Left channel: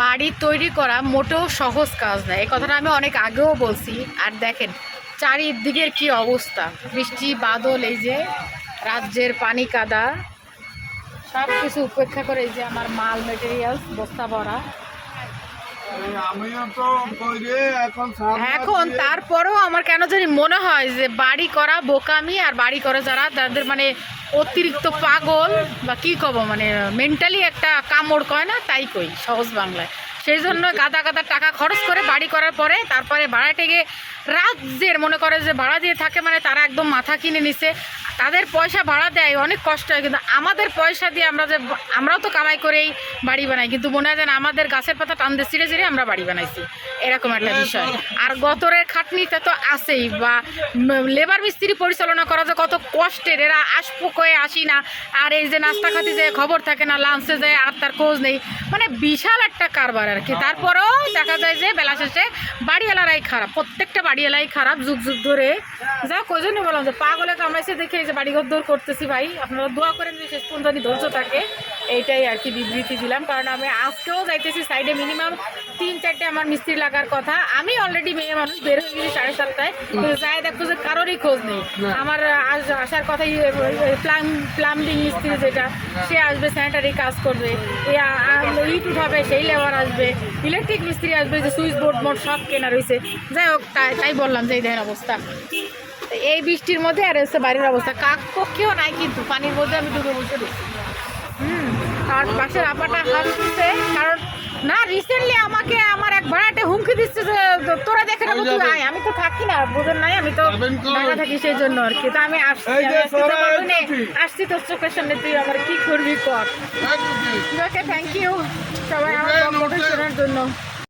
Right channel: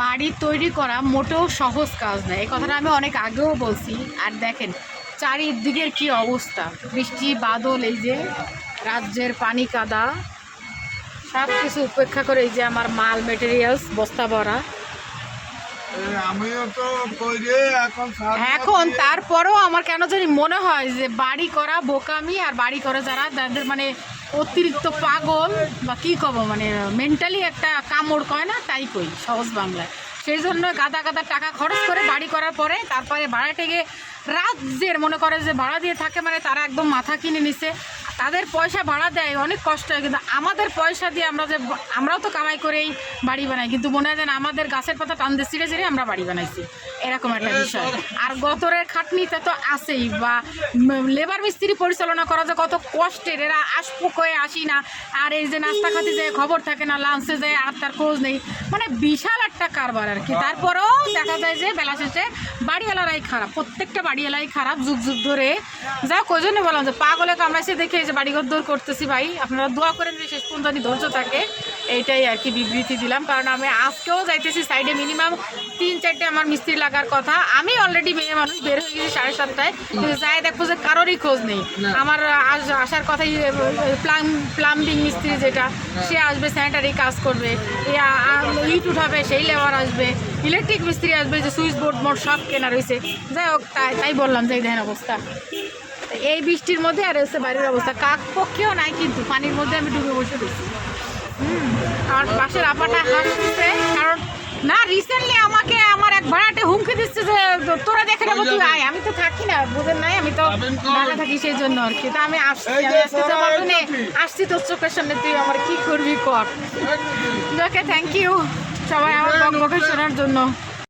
বাড়ি তৈরি করা মোটেও সহজ কাজ নয়। এই কথাটা আমি অনেক আগেও বলছি। আর দেখেন, চারিদিকের কি অবস্থা? বৃষ্টি, বাদল, এই যে রাজ্যের পানি কাদা সব কিছু উপেক্ষা করে এই যে আমার মাল মেটেরিয়ালস বস্তা ভরা। এখন তারপরেও আমার কেন জানি মনে হয় যে বাড়ি করা বোকামি আর বাড়ি করে যারা, তাদের মানে অতিরিক্ত পাগল বা কি কব মানে মেন্টালি একটা কামড় কয় না, তাই কই, সহজ বাংলায়। সেই জন্য গাদা গাদা টাকা খরচ করে বাড়ি করার পরে তারপরে ভাড়া থেকে রাজ্যের, মনে করে যে ভাড়া দিয়ে থাকে মানে তারা একদম মাথা কিনে নিছে। তাদের পয়সা ভাড়া দেয় অনেক কষ্ট হয়। কিন্তু আমাদের পয়সা দিয়ে আমরা যে আমরাও তো কামাই করেই বাড়ি বানাই। কিন্তু মনে হয় যেন আমাদের গাছের পাতা টান দিয়ে ছিঁড়ে ছিঁড়ে আমরা বাড়ি বানাইছি। এরকম একটা বিষয়। আর গতরের খাটনিটা তো আছেই বা লেবার মিস্ত্রি পরিচালনা করা যে কত কষ্টের এরা আসপো কয়ে আসি না আর এই যে নাস্তা খাতি যে খবর থাকে না লাঞ্চে যায় আর তার খোঁজ নেই। মানে বিশাল একটা কারবার আর কি। তারপরেও দেখা যায় যে বেলা শেষে বাড়িওয়ালারাই খারাপ প্রত্যেকটা বাড়িওয়ালাই খারাপ যুগ যুগ ধরে যা কোজনে বললাম যে পাগলে কামাইছে দেখে এই যে বাড়িঘর দৌড় করতেছি ভাই। আপনারা দোয়া করেন যে শেষ পর্যন্ত ধৈর্য থাকে। এইটাই আর কি বিবৃতি দিলাম। কারণ আমি আজকেও যাইতেছি সাইডে মিনিমাম তিন চারটে আমার মিস্ত্রি লাগার কথা। আমি অলরেডি মেয়ে মানুষ বের হয়ে গেছি সাড়ে সাতটায়। কিন্তু যাই দেখব যে কারোরই খোঁজ নেই। আমার আস- আসার কথা প্লাম প্লাম্বিং মিস্ত্রি যেটা সে আসবে স্যানিটারি কাজ করবে। ইট উঠাবে সেই লেবার আসবে। ইলেকট্রিক মিস্ত্রি আসবে যে সুইচ বোর্ড মোট সব কেনা রয়েছে যাই হোক তাই তাই বললাম যে এই দেখেন অবস্থা। এই বৃষ্টির মধ্যে আর এসে বাড়ির অবস্থা। কাক পক্ষেও নাই কিন্তু পানির মধ্যে আমি ডুবে বসে রয়েছি। হুম আমার পাশের আপাটা হাসছে কারণ না রিসেন্টলি আমাকে আমার এক ভাড়াটে হুমকি দিচ্ছে যে তোরা দেখে নেব তুই আয়। আমি তো থাকি না বুঝেন নাই আমি তো ঢাকা থাকি সেই জন্য আর কি। তো আমি আসছি আসছি তোর চোখের সামনে তুই আমার কি করবি কর? ওকে থ্যাংক ইউ সবাই আমার শোনার জন্য।